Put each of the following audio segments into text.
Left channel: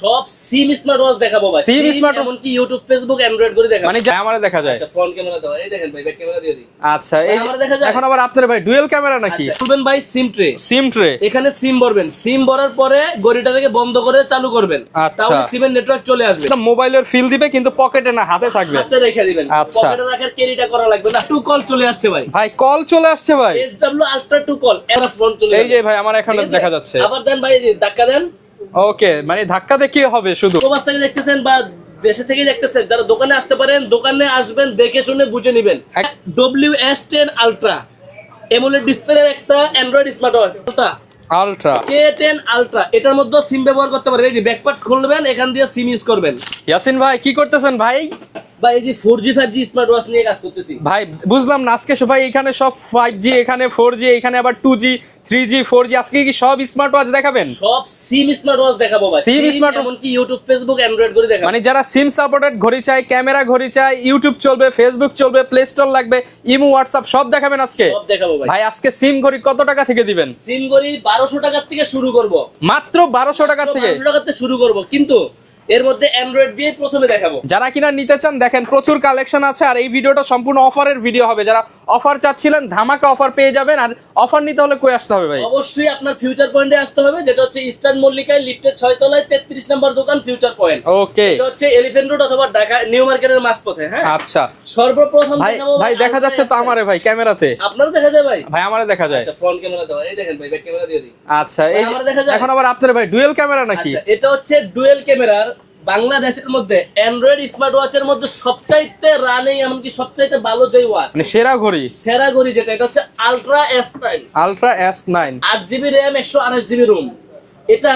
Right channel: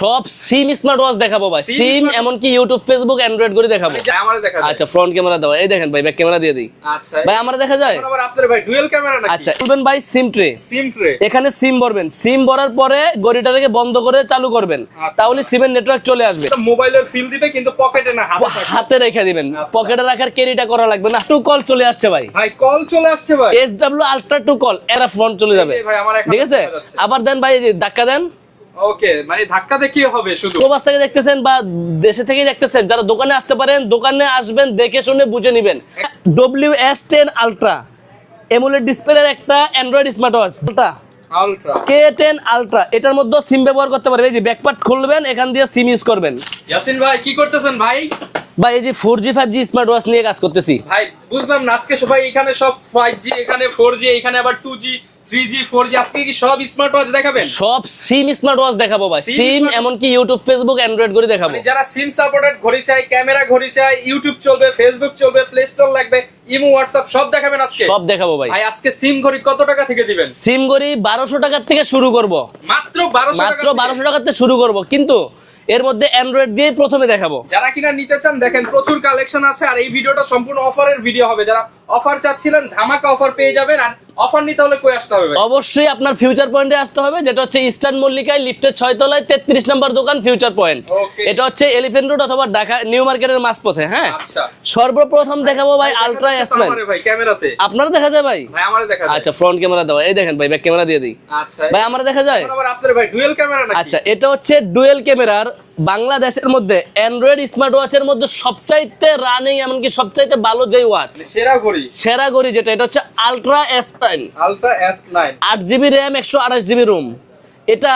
সব সিম smart watch দেখাবো ভাই। সিম এমনকি ইউটিউব ফেসবুক অ্যান্ড্রয়েড করে দেখাবো। মানে যা দেখা যায়। আচ্ছা ফ্রন্ট ক্যামেরা দাও। এই দেখেন ভাই ব্যাক ক্যামেরা দিয়ে দিই। আচ্ছা ভাই, এই- দেখা যায়? এখন আবার আপনার ভাই ডুয়েল ক্যামেরা নাকি? আচ্ছা শুনবেন ভাই সিম ট্রে সিম ট্রে এখানে সিম ভরবেন। সিম ভরার পরে গড়িটাকে বন্ধ করে চালু করবেন। আচ্ছা। তাহলে সিমের নেটওয়ার্ক চলে আসবে। মোবাইলের ফিল দিবে কিন্তু পকেটে না হাতে থাকবে। হাতে রেখে দিবেন। আচ্ছা। পকেটে রাখার ক্যারিটা করা লাগবে না। টু কল চলে আসছে ভাই। ভাই কল চলে আসছে ভাই। S W ultra two call এরা ফ্রন্ট চলে যাবে। যে ভাই আমার এখানে দেখা যাচ্ছে। আবার দেন ভাই এই ধাক্কা দেন। ওকে মানে ধাক্কা দেখে হবে শুধু। প্রবাস থেকে দেখতেছেন বা দেশে থেকে দেখতেছেন যারা দোকানে আসতে পারেন দোকানে আসবেন দেখে শুনে বুঝে নেবেন। W S ten ultra AMOLED ডিসপ্লের একটা android smart watch ultra K ten ultra এটার মধ্যে সিম ব্যবহার করতে পারবেন। এই যে ব্যাকপার্ট খুলবেন এখান দিয়ে সিম ইউজ করবেন। ইয়াসিন ভাই কি করতেছেন ভাই? বা এই যে four G five G smart watch নিয়ে কাজ করতেছি। ভাই বুঝলাম না আজকে সবাই এখানে সব ফাইভ জি এখানে ফোর জি এখানে আবার two G three G four G আজকে কি সব স্মার্ট ওয়াচ দেখাবেন? সব সিম স্মার্ট ওয়াচ দেখাবো ভাই। সিম এমনকি ইউটিউব ফেসবুক অ্যান্ড্রয়েড করে দেখাবো। মানে যারা সিম সাপোর্টেড ঘড়ি চায় ক্যামেরা ঘড়ি চায় ইউটিউব চলবে ফেসবুক চলবে প্লে স্টোর লাগবে ইমো হোয়াটসঅ্যাপ সব দেখাবেন আজকে? সব দেখাবো ভাই। ভাই আজকে সিম ঘড়ি কত টাকা থেকে দিবেন? সিম বারোশো টাকার থেকে শুরু করব। মাত্র বারোশো টাকা থেকে? বারোশো টাকার থেকে শুরু করব। কিন্তু এর মধ্যে অ্যান্ড্রয়েড দিয়ে প্রথমে দেখাবো। যারা কিনা নিতে চান দেখেন প্রচুর কালেকশন আছে আর এই ভিডিওটা সম্পূর্ণ অফারের ভিডিও হবে। যারা অফার চাচ্ছিলেন ধামাকা অফার পেয়ে যাবেন আর অফার নিতে হলে কই আসতে হবে ভাই? অবশ্যই আপনার ফিউচার পয়েন্টে আসতে হবে যেটা হচ্ছে ইস্টার্ন মল্লিকায় লিফটের ছয় তলায় তেত্রিশ নম্বর দোকান ফিউচার পয়েন্ট ওকে এটা হচ্ছে এলিফেন্ট রোড অথবা ঢাকা নিউ মার্কেটের মাঝপথে হ্যাঁ? আচ্ছা। সর্বপ্রথম দেখাবো ভাই দেখা যাচ্ছে তো S9 আমারে ভাই ক্যামেরাতে। আপনারা দেখা যায় ভাই? ভাই আমারে দেখা যায়। আচ্ছা ফ্রন্ট ক্যামেরা দাও। এই দেখেন ভাই ব্যাক ক্যামেরা দিয়ে দিই। আচ্ছা ভাই, আমারে দেখা যায়? এখন আবার আপনার ভাই ডুয়েল ক্যামেরা নাকি? আচ্ছা এটা হচ্ছে ডুয়েল ক্যামেরার বাংলাদেশের মধ্যে অ্যান্ড্রয়েড স্মার্ট ওয়াচের মধ্যে সবচাইতে রানিং এমনকি সবচাইতে ভালো যে ওয়াচ মানে সেরা ঘড়ি। সেরা ঘড়ি যেটা এটা হচ্ছে ultra S nine ultra S nine আট জিবি র্যাম একশো আঠাশ জিবি রুম এটা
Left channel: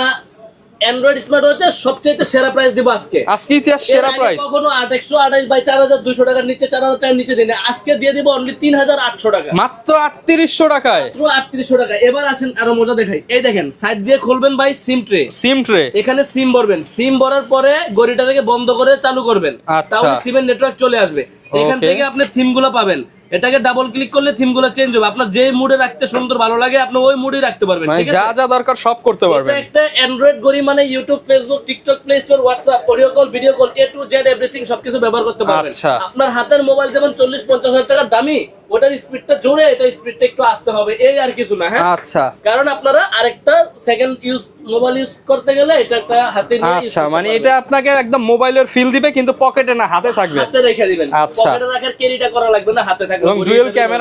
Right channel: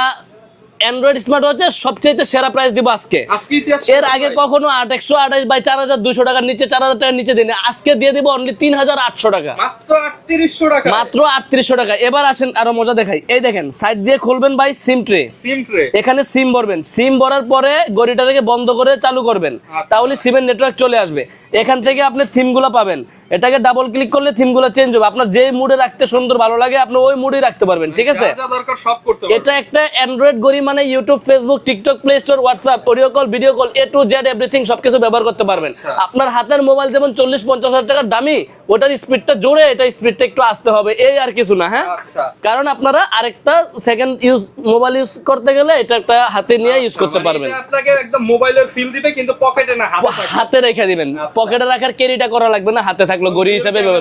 অ্যান্ড্রয়েড স্মার্ট ওয়াচের সবচাইতে সেরা প্রাইস দিব আজকে। আজকে ইতিহাস এর আগে কখনো আট একশো আঠাশ বাই চার হাজার দুশো টাকার নিচে চার হাজার টাকার নিচে দিনে। আজকে দিয়ে দিব অনলি তিন হাজার আটশো টাকা। মাত্র আটত্রিশশো টাকা মাত্র আটত্রিশশো টাকা এবার আসেন আরও মজা দেখাই। এই দেখেন সাইড দিয়ে খুলবেন ভাই সিম ট্রে সিম ট্রে এখানে সিম ভরবেন। সিম ভরার পরে গড়িটাকে বন্ধ করে চালু করবেন। আচ্ছা। তাহলে সিমের নেটওয়ার্ক চলে আসবে। এখান থেকে আপনি থিমগুলো পাবেন। এটাকে ডাবল ক্লিক করলে থিমগুলো চেঞ্জ হবে। আপনার যে মুডে রাখতে সুন্দর ভালো লাগে আপনি ওই মুডে রাখতে পারবেন ঠিক আছে? যা যা দরকার সব করতে পারবেন এটা পারবেন। একটা অ্যান্ড্রয়েড গড়ি মানে YouTube Facebook TikTok Play Store WhatsApp audio call video call A to Z everything সবকিছু ব্যবহার করতে পারবেন। আচ্ছা। আপনার হাতের মোবাইল যেমন চল্লিশ পঞ্চাশ হাজার টাকার দামি ওটার স্পিডটা জোরে এটা স্পিডটা একটু আসতে হবে এই আর কিছু না হ্যাঁ? আচ্ছা। কারণ আপনারা আরেকটা সেকেন্ড ইউজ মোবাইল ইউজ করতে গেলে এটা একটা হাতে নিয়ে ইউজ আচ্ছা করতে মানে এটা আপনাকে একদম মোবাইলের ফিল দিবে কিন্তু পকেটে না হাতে থাকবে। হাতে রেখে দিবেন। আচ্ছা। পকেটে রাখার ক্যারিটা করা লাগবে না হাতে থাকল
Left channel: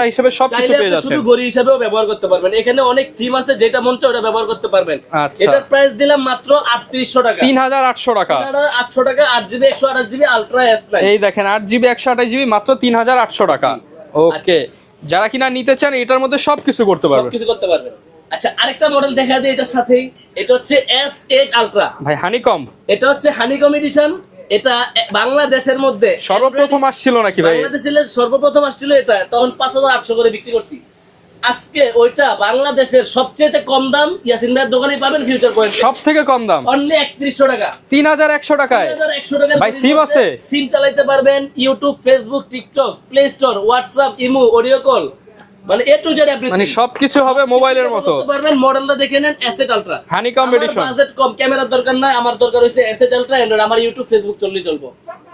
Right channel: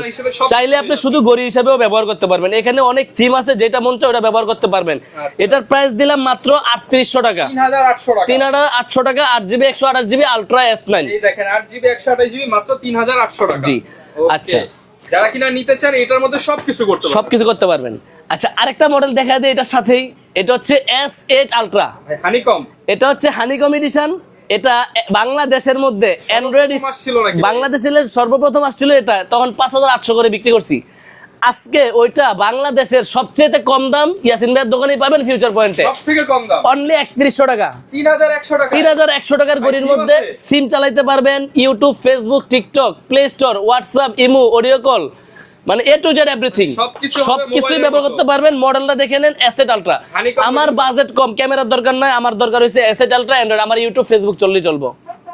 হিসেবে সবকিছু চাইলে আপনি শুধু হিসেবেও ব্যবহার করতে পারবেন। এখানে অনেক থিম আছে যেটা মন চায় ওটা ব্যবহার করতে পারবেন। আচ্ছা। এটার প্রাইস দিলাম মাত্র আটত্রিশশো টাকা। তিন হাজার আটশো টাকা। তিন হাজার আটশো টাকা আট জিবি একশো আঠাশ জিবি আলট্রা এস নাইন এই দেখেন আট জিবি একশো আঠাশ জিবি মাত্র তিন হাজার আটশো টাকা। জি। ওকে আচ্ছা। যারা কিনা নিতে চান এটার মধ্যে সবকিছু করতে পারবেন। সবকিছু করতে পারবেন। আচ্ছা আরেকটা মডেল দেখা দেয় এটার সাথেই। এটা হচ্ছে এস এইট আলট্রা ভাই হানিকম এটা হচ্ছে হানিকম এডিশন এটা বাংলাদেশের মধ্যে সর্বপ্রথম আসছিল নাকি? বাংলাদেশের সর্বপ্রথম আসছিল এটা তখন পাঁচ হাজার আটশো করে বিক্রি করছি। আজকে ওইটা বাংলাদেশের সবচেয়ে কম দাম ইয়াসিন ভাইয়ের দোকানে পাবেন ফিউচার পয়েন্ট সব থেকে কম দাম? অনলি একত্রিশশো টাকা। তিন হাজার একশো টাকা। তিন হাজার একশো টাকার আছে? সিম চালাইতে পারবেন YouTube Facebook TikTok Play Store WhatsApp imo audio call মানে এ টু জেড এভরিথিং সবকিছু হবে মোবাইলের ব্যবহার করতে পারবেন মডেলটা দেখে নেন আলট্রা আমার বাজেট কম ক্যামেরার দরকার নয় আমার দরকার হইছে আলট্রা অ্যান্ড্রয়েড আমার ইউটিউব ফেসবুক চললেই চলবো।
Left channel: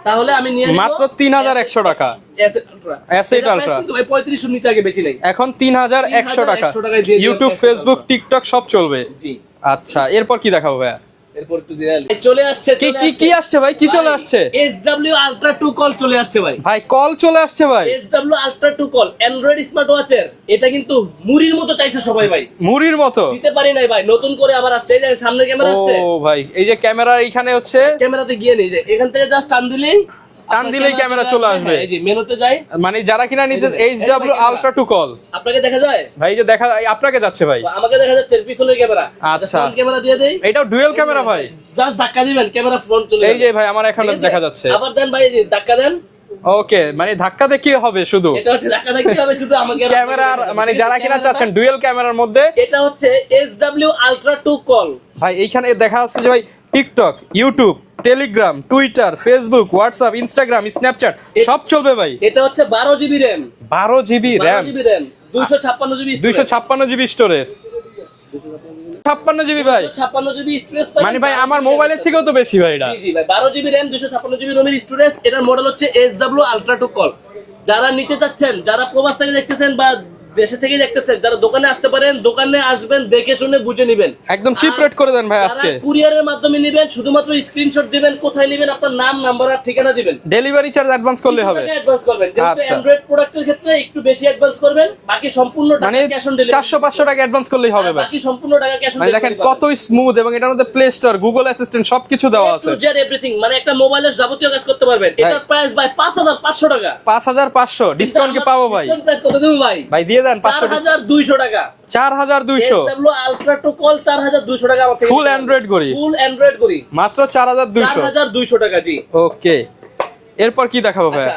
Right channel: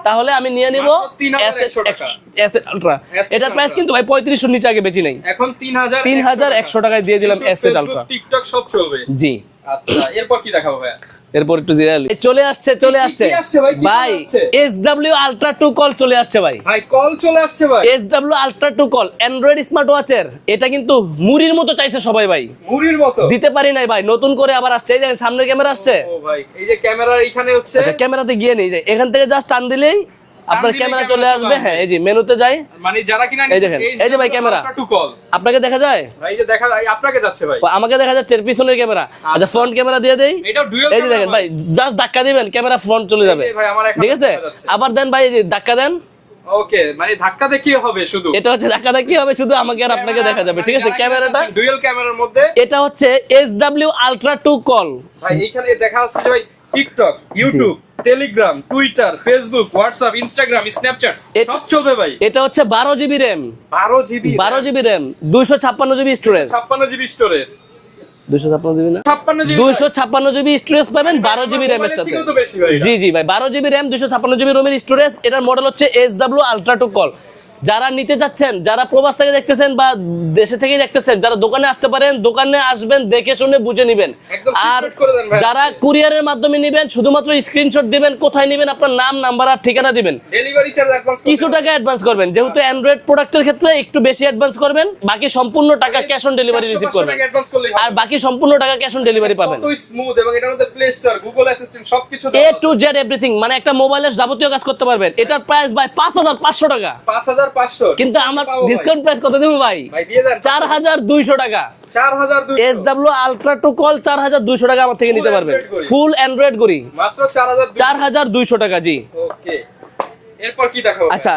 তাহলে আমি নিয়ে নিব মাত্র 3100 টাকা। এসেট আলট্রা এটা প্রাইস কিন্তু ভাই 3500 নিচে আগে বেচি নাই। এখন তিন হাজার একশো 3100 টাকায় দিয়ে দিলাম ইউটিউব ফেসবুক টিকটক সব চলবে। জি। আচ্ছা এরপর কি দেখাবো ভাই এরপর একটু জিরা চলে আসছে চলে আসছে। কি আসছে ভাই? কি চলে আসছে? এসডব্লিউ আলট্রা 2 কল চলে আসছে ভাই। ভাই কল চলে আসছে ভাই। SW ultra 2 call android smart ওয়াচের এটা কিন্তু মুড়ির মতো চাইছে সবাই ভাই। মুড়ির মতো? দিতে পারি নাই ভাই নতুন করে আবার আসছে এই যে সামনে ক্যামেরা আসছে। ও ভাই এই যে ক্যামেরা এখানে হচ্ছে আচ্ছা ক্যামেরাতে গিয়ে নেই যে এখান থেকে জাস্ট টান দিলেই ক্যামেরা আপনাকে দেখা যায়? ভাই যে দেখা আপনাকে যাচ্ছে ভাই। আমাকে দেখা যাচ্ছে পিছনের ক্যামেরা। আচ্ছা আচ্ছা। ফ্রন্ট ক্যামেরা দিয়ে দেই। এটা ডুয়েল ক্যামেরা ভাই। ভাই জাস্ট ধাক্কা দিবেন ক্যামেরা ফ্রন্ট চলে যাবে। ভাই আমার এখানে দেখা যাচ্ছে। আবার দেন ভাই ধাক্কা দেন। ওকে মানে ধাক্কা দেখে হবে শুধু। এটা হচ্ছে ধাক্কা ধাক্কি হবে শুধু আমাকে আর আপনাকে দেখা যাবে। মানে ঠিক আছে ক্যামেরাটা চাচ্ছেন ডুয়েল ক্যামেরার মধ্যে। এটা হচ্ছে SW আলট্রা 2 কল ভাই এইখানে দেখা যাচ্ছে যে ভাই TikTok YouTube Telegram Twitter Facebook WhatsApp Instagram Snapchat সব চলবে ভাই। এটা হচ্ছে 12 জিবি RAM বারো জিবি 12 জিবি RAM 256 জিবি দুইশো স্টোরেজ ছাপ্পান্ন জিবি স্টোরেজ দুশো ছাপ্পান্ন জিবি না? ছাপ্পান্ন জিবি দুইশো ছাপ্পান্ন জিবি স্টোরেজ পাবেন মানে ভাই বারো আমার জিবি র্যামের মোবাইলের সাথে। থেকেও তো বেশি ভাই জি জি ভাই বারো জিবি র্যাম দুশো ছাপ্পান্ন জিবি রোমের স্টোরেজ এটার মডেল হচ্ছে S W ultra two call যারা নিতে যাচ্ছেন যারা প্রবাস থেকে দেখতেছেন বা দেশে থেকে দেখতেছেন যারা দোকানে আসতে পারেন দোকানে আসবেন দেখে শুনে বুঝে নিবেন। একদম সিক্রেট করে দেন ভাই আজকে। যারা কুরিয়ারের মাধ্যমে নেবেন শুধুমাত্র স্ক্রিনশট দিবেন কোথায় নেবেন আপনার নাম নাম্বার আর ঠিকানা দিবেন। ডেলিভারি চার্জ অ্যাডভান্স করবেন কিছু টাকা অ্যাডভান্স করবেন। যেহেতু আচ্ছা। অ্যান্ড্রয়েড প্রোডাক্টের ক্ষেত্রে একটু বেশি অ্যাডভান্স করবেন বাকি সম্পূর্ণ টাকা ক্যাশ অন ডেলিভারি 400 500 টাকা অ্যাডভান্স করলেই হবে বাকি সম্পূর্ণ টাকা ক্যাশ অন ডেলিভারি পাবেন। কত স্মুথ এবং এটার মধ্যে প্লে স্টোর গুগল অ্যাসিস্ট্যান্ট সবকিছু দেওয়া আছে এ টু জেড এভরিথিং মানে একটা মোবাইলের যাবতীয় কাজ করতে পারবেন। এটার প্রাইস ভাই 5500 টাকা। 5000 4500 ডিসকাউন্ট পাবো ভাই? ডিসকাউন্ট প্রাইস কত দেব ভাই? ভাই দিয়ে দেন 4200 টাকা। 4200 এসডব্লিউ আলট্রা টু কল 4200 টাকা আমার থেকে নিতে পারবেন। জি। ওকে। এরপর কি দেখাবো আচ্ছা।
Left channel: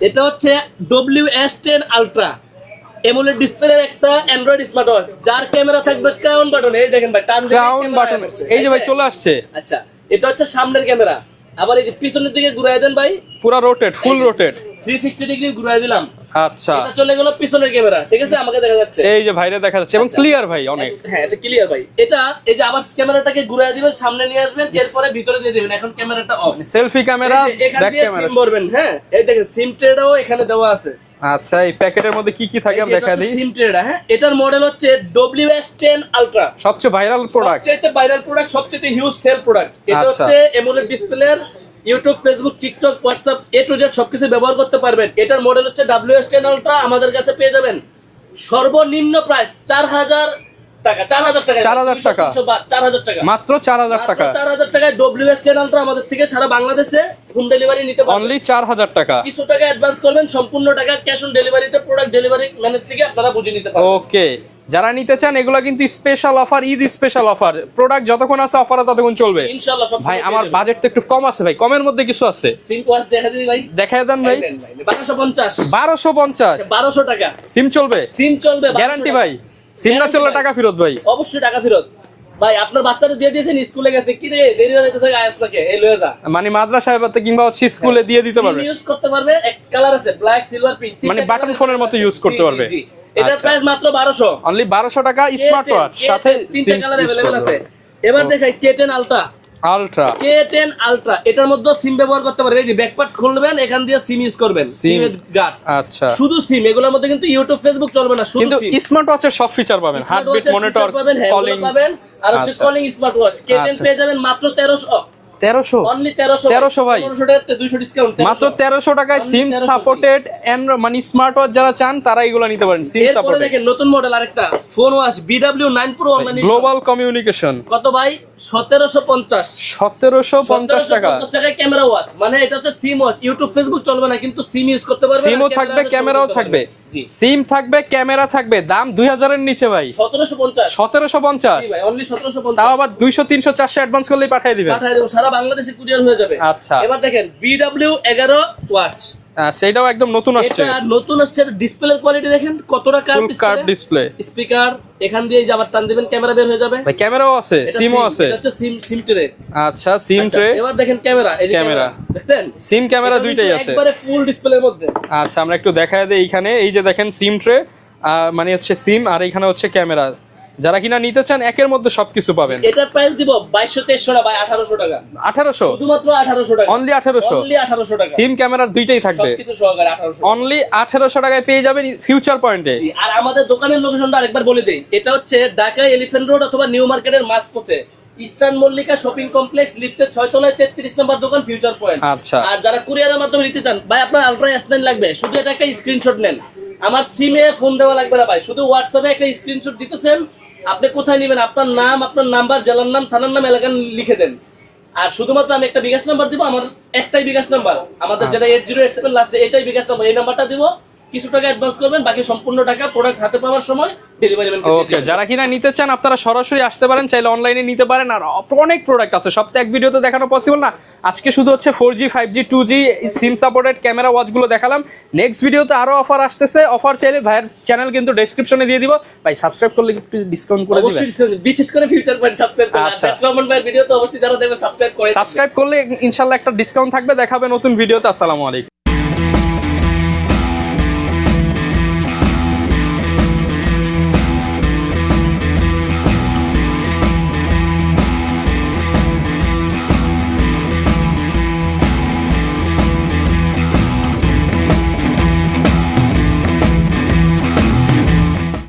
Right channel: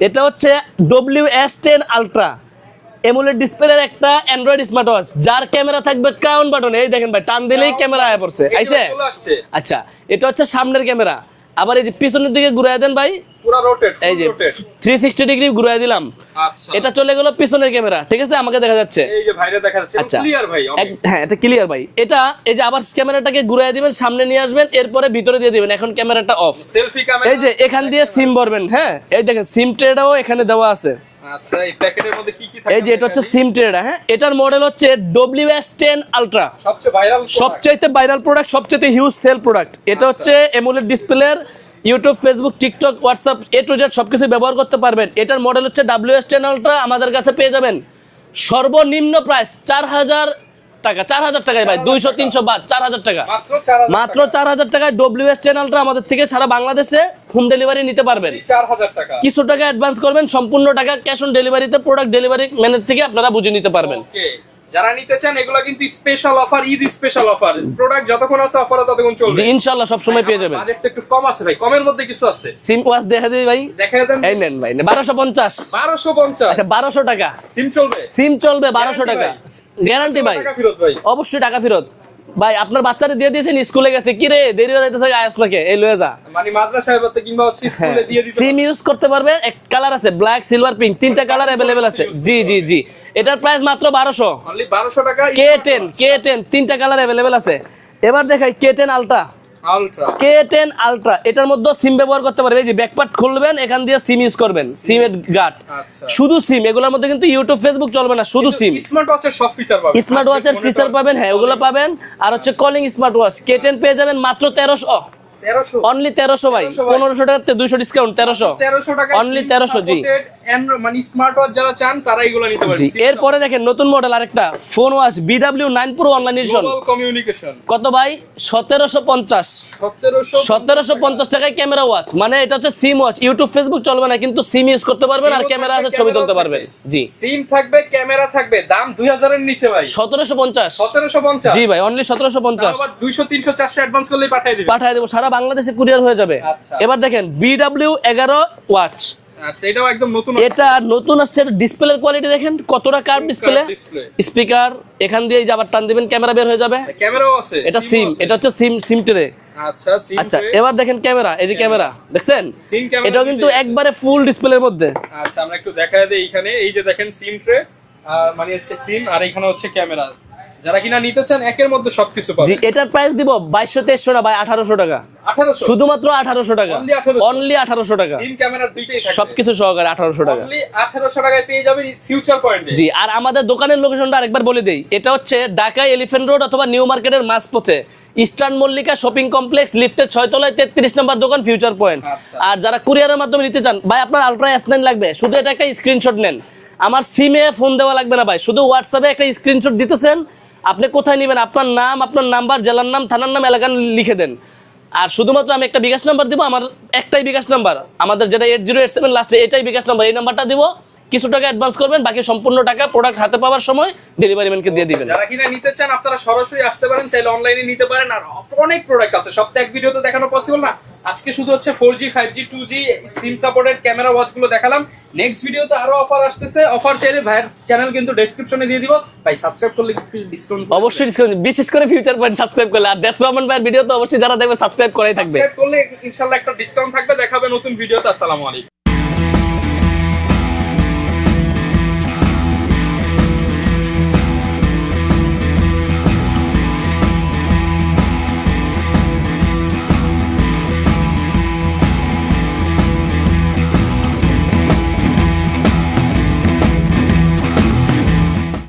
এটা হচ্ছে আলট্রা এমুলেট ডিসপ্লের একটা অ্যান্ড্রয়েড স্মার্ট ওয়াচ যার ক্যামেরা থাকবে ক্রাউন বাটন এই দেখেন ভাই টান দিলেই ক্যামেরা। করছে এই যে ভাই চলে আসছে। আচ্ছা এটা হচ্ছে সামনের ক্যামেরা। আবার এই যে পিছনের দিকে ঘুরাই দেন ভাই। পুরো rotate full rotate three sixty degree ঘুরাই দিলাম। আচ্ছা। এটা চলে গেল পিছনের ক্যামেরা ঠিক আছে? আমাকে দেখা যাচ্ছে। এই যে ভাইরে দেখা যাচ্ছে। এবং আচ্ছা। ক্লিয়ার ভাই অনেক। হ্যাঁ এটা ক্লিয়ার ভাই। এটা এই যে আবার ক্যামেরাটাকে ঘুরাই দিবেন সামনে নিয়ে আসবেন এরপরে ভিতরে দিয়ে দিবেন। এখন ক্যামেরাটা অফ সেলফি ক্যামেরা এই যে এখান দিয়ে সিম ভরবেন হ্যাঁ? এই দেখেন সিম ট্রেটাও এখানে দেওয়া আছে। আচ্ছা এই প্যাকেটের মধ্যে কি কি থাকে এই যে এটা হচ্ছে সিম ট্রেডার হ্যাঁ? এটার মডেল হচ্ছে WS10 আলট্রা সবচেয়ে ভাইরাল প্রোডাক্ট সবচাইতে ভাইরাল প্রোডাক্ট সবচাইতে হিউজ সেল প্রোডাক্ট এটা আচ্ছা। হচ্ছে এমোলেড ডিসপ্লের YouTube Facebook TikTok WhatsApp A to Z সবকিছু ব্যবহার করতে পারবেন। এটার মডেল হচ্ছে WS10 আলট্রা আমাদের কাছে পেয়ে যাবেন। সর্বনিম্ন প্রাইস চার হাজার টাকা চার হাজার টাকা দুইশো তিনশো বা চার হাজার টাকা। মাত্র 4000 মাত্র চার হাজার টাকায় ডব্লিউএস চ্যানেলটা আমাদের থেকে সারা বাংলাদেশে হোম ডেলিভারি নিতে পারবেন চার হাজার টাকা। কিছু টাকা অ্যাডভান্স করবেন সম্পূর্ণ টাকা ক্যাশ অন ডেলিভারিতে প্রোডাক্ট ডেলিভারি ম্যানের থেকে আপনারা বুঝে নিতে পারবেন। ওকে যারা নিতে চান এগুলো কিন্তু special offer Eid special offer product যতক্ষণ আছে অফার ততক্ষণ চলবে। ইনশাআল্লাহ সব সময় পেয়ে যাবেন। বাজেট তো একটু কম আছে ভাই। কমের মধ্যে কিছু আছে। সিম ওয়াচ দেখা দিই ভাই? দেখা দেন ভাই। নেন ভাই বারোশো পঞ্চাশ। 1250 আচ্ছা 1200 টাকা। সিম চলবে? সিম চলবে বারোশো গ্যারান্টি টাকা। ভাই। সিম টাকা ফেরত ভাই। অবশ্যই টাকা ফেরত। ভাই আপনার বাচ্চারা দিয়ে দিয়েছেন স্কুলে গেছে কি রে দেরি হয়ে যাইতেছে আয়াস নাকি এই লয়ে যা মানে মাদ্রাসায় হতে কিংবা হচ্ছে স্কুলে দিয়ে দিতে সিম পারবে ইউজ করতে পারবে এক কালার আছে ব্ল্যাক সিলভার পিঙ্ক তিনটা মানে কালার button phone এর अवेलेबल মতো আছে use জি করতে জি পারবে। জি এটার আচ্ছা। প্রাইস মাত্র 1200 অনলি 1200 টাকা স্মার্ট K10 ওয়াচ K10 তিনটা কালার अवेलेबल আছে এবার দেখাই K10 ultra ultra K10 ultra এটার মধ্যে সিম ব্যবহার করতে পারবে এই যে ব্যাকপার্ট খুলবেন এখান দিয়ে সিম ইউজ করবেন। সিম গাট আচ্ছা। শুধু সিম এগুলোর মধ্যে কিন্তু ইউটিউব ফেসবুক চলবে না শুধু সিম স্মার্ট ওয়াচের সব ফিচার পাবেন। স্মার্ট ওয়াচের ফিচার পাবেন হ্যাঁ ওগুলো পাবেন। আর হচ্ছে। Calling smart watch K ten পেয়ে যাবেন মাত্র 1300 1300 অনলি 1300 1300 ভাই। 1500 টাকাতে 200 ডিসকাউন্ট মাত্র 1300 1300 টাকায় সিম সাপোর্টেড মানে স্মার্ট ওয়াচ যারা চান তারা এগুলো নিতে পারে এরপরে দেখেন নতুন মডেল আরেকটা। Phone watch BW9 Pro online global communication কত ভাই? 1750 1750 সতেরোশো টাকা। পঞ্চাশ টাকায় ক্যামেরা ওয়াচ মানে এটা হচ্ছে সিম ওয়াচ ইউটিউব ফেসবুক চলবে না কিন্তু সিম ইউজ করতে পারবে ক্যামেরা থাকবে জি। সিম থাকবে ক্যামেরা থাকবে। দাম 2000 এর নিচে ভাই। সতেরোশো পঞ্চাশ। 1750 জি ভাই অনলি সতেরোশো পঞ্চাশ। আবার 200 300 400 অ্যাডভান্স করলেই পাঠিয়ে দিবেন। পাঠিয়ে দেবো সারা বাংলাদেশে কুরিয়ার হয়ে যাবে। আচ্ছা। এবার দেখেন বিডাব্লিউ এগারো ওয়াচ। আচ্ছা এটাও একদম নতুন আসছে। এটা নতুন আসছে ডিসপ্লের কোয়ালিটি দেখেন কতটা কার Full ডিসপ্লে curved স্পিকার এখান দিয়ে যাবার টান দিবেন ক্যামেরা বের হয়ে যাবে। ভাই ক্যামেরাও আছে সিমও আছে। এটা হচ্ছে সিম সিম ট্রে আচ্ছা সিম আচ্ছা ট্রে এবার দেখেন ক্যামেরা এই যে ক্যামেরা। দেখছেন? সিম ক্যামেরা দুইটাই আছে। একবারে ফুল ডিসপ্লের মধ্যে। আচ্ছা আমরা একটু দেখায় দিই এইখানে। এই যে দেখেন সিম ট্রে মানে হচ্ছে সিম আর এখানে হচ্ছে ক্যামেরা যারা কিনা নিতে চান একের মধ্যে সবকিছু জি পাবে এটার প্রাইস দিব বাইশশো তেইশশো না ভাই আঠারোশো টাকা। 1800 শুধুমাত্র আঠারোশো টাকা। Only 1800 অনলি আঠারোশো টাকা। সিম ক্যামেরার দুইটাই থাকবে। সবকিছু সহকারে আঠারোশো টাকা। অনলি 1800 টাকায় পেয়ে যাবেন ফিউচার পয়েন্টে জি আর আমাদের দোকানের লোকেশনটা আরেকবার বলে দেই। এটা হচ্ছে ঢাকা এলিফ্যান্ট রোড অথবা নিউ মার্কেটের মাঝপথে। ইস্টার্ন মল্লিকা শপিং কমপ্লেক্স লিফটের ছয় তলায় তেত্রিশ নম্বর দোকান ফিউচার পয়েন্ট আচ্ছা। আর যারা কুরিয়ারের মাধ্যমে নিতে চান ভাই আপনার আলট্রা এস লাগবে। শুধু এটা একটা স্ক্রিনশট নেন। আমার সিমে ফোন দেওয়া লাগবে না ভাই। শুধু হোয়াটসঅ্যাপে একটা স্ক্রিনশট দিতেছেন আপনি কোথায় নেবেন? আপনার নাম আপনার নাম্বার জেলার নাম থানার নাম এলাকার লিখে দেন। আর শুধুমাত্র আমি একটা বিকাশ নাম্বার দিব আমার একটাই বিকাশ নাম্বার। আমাদের যেটা এইট জিরো এইট সেভেন লাস্টে এটাই বিকাশ নাম্বার। এই নাম্বারটা দিব কিছু টাকা অ্যাডভান্স করবেন বাকি সম্পূর্ণ টাকা প্রোডাক্ট হাতে পাওয়ার সময় ডেলিভারি ম্যানকে দিয়ে দিবেন। যারা কিনা নিতে চান আপনারা সরাসরি আসতে পারেন চাইলে অনলাইনে নিতে পারেন আর অনেক প্রোডাক্ট আছে। সব তো এক ভিডিওতে দেখানো পসিবল না। আজকে শুধু হচ্ছে four G five G two G sim supported camera ওয়াচগুলো দেখালাম। নেক্সট ভিডিওতে আরও অফার আসতেছে। অফার চাইলে ভাইয়ের চ্যানেল কিন্তু ডেসক্রিপশনে দিয়ে দিব। ভাই সাবস্ক্রাইব করলে একটু ডিসকাউন্ট করে অবশ্যই দিন। বিশেষ করে ফিউচার পয়েন্ট সাবস্ক্রাইব করলে। আর আচ্ছা। রহমান ভাইয়ের ভিডিও তো অবশ্যই যারা দেখবে সাবস্ক্রাইব করে সাবস্ক্রাইব করলে ইনশাল্লাহ একটা ডিসকাউন্ট থাকবে। দেখাবে নতুন ভিডিওতে আসসালামু আলাইকুম।